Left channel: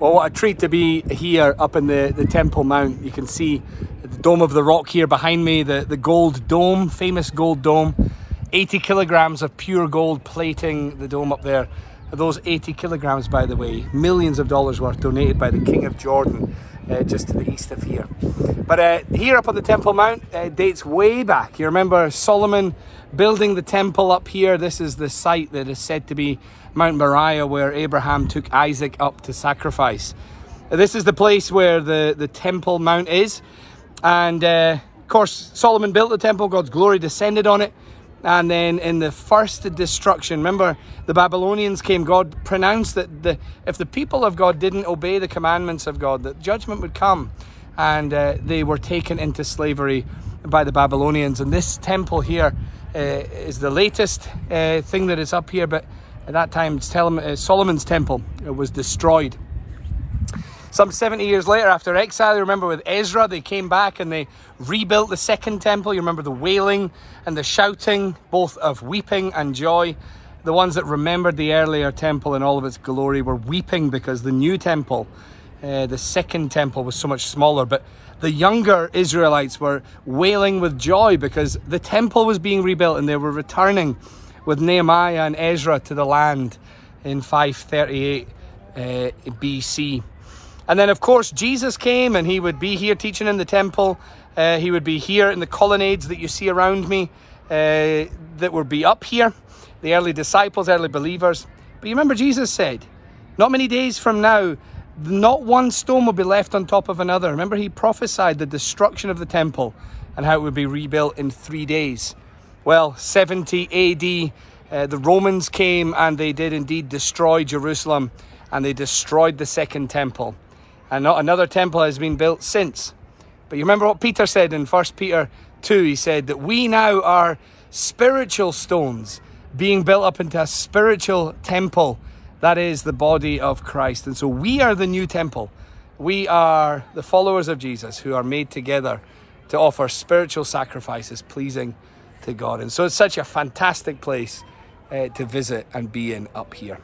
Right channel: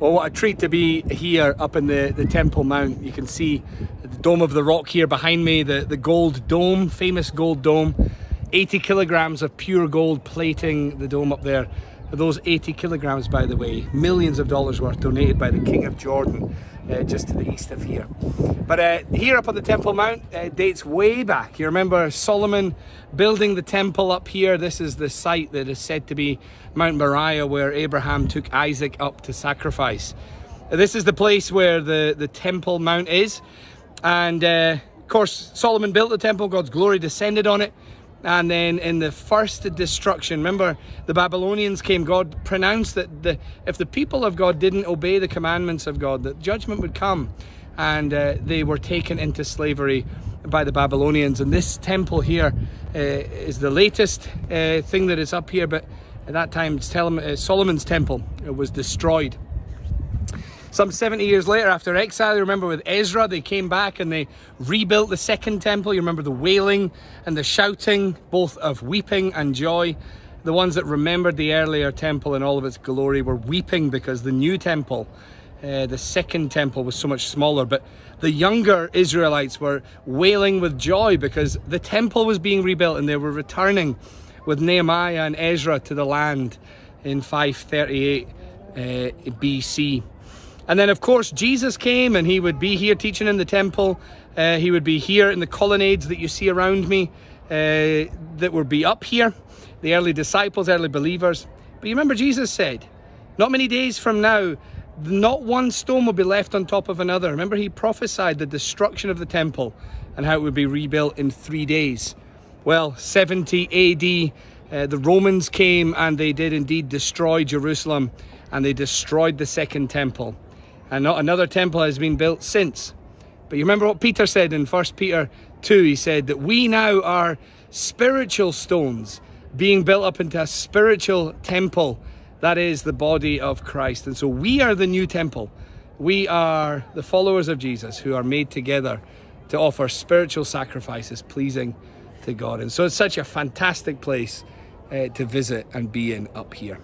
Well, what a treat to be here up in the Temple Mount. You can see the Dome of the Rock here behind me, the gold dome, famous gold dome. 80 kilograms of pure gold plating the dome up there. Those 80 kilograms, by the way, millions of dollars worth donated by the King of Jordan, just to the east of here. But here up on the Temple Mount dates way back. You remember Solomon building the temple up here. This is the site that is said to be Mount Moriah, where Abraham took Isaac up to sacrifice. This is the place where the Temple Mount is. And of course, Solomon built the temple, God's glory descended on it. And then in the first destruction, remember the Babylonians came, God pronounced that if the people of God didn't obey the commandments of God, that judgment would come. And they were taken into slavery by the Babylonians. And this temple here is the latest thing that is up here. But at that time, Solomon's temple was destroyed. Some 70 years later, after exile, you remember with Ezra, they came back and they rebuilt the second temple. You remember the wailing and the shouting, both of weeping and joy. The ones that remembered the earlier temple in all of its glory were weeping because the new temple, the second temple, was so much smaller. But the younger Israelites were wailing with joy because the temple was being rebuilt and they were returning with Nehemiah and Ezra to the land in 538 BC. And then, of course, Jesus came and he would be here teaching in the temple. He would be here in the colonnades that you see around me, that would be up here. The early disciples, early believers. But you remember Jesus said, not many days from now, not one stone will be left on top of another. Remember, he prophesied the destruction of the temple and how it would be rebuilt in 3 days. Well, 70 AD, the Romans came and they did indeed destroy Jerusalem, and they destroyed the second temple. And not another temple has been built since. But you remember what Peter said in 1 Peter 2? He said that we now are spiritual stones being built up into a spiritual temple. That is the body of Christ. And so we are the new temple. We are the followers of Jesus who are made together to offer spiritual sacrifices pleasing to God. And so it's such a fantastic place to visit and be in up here.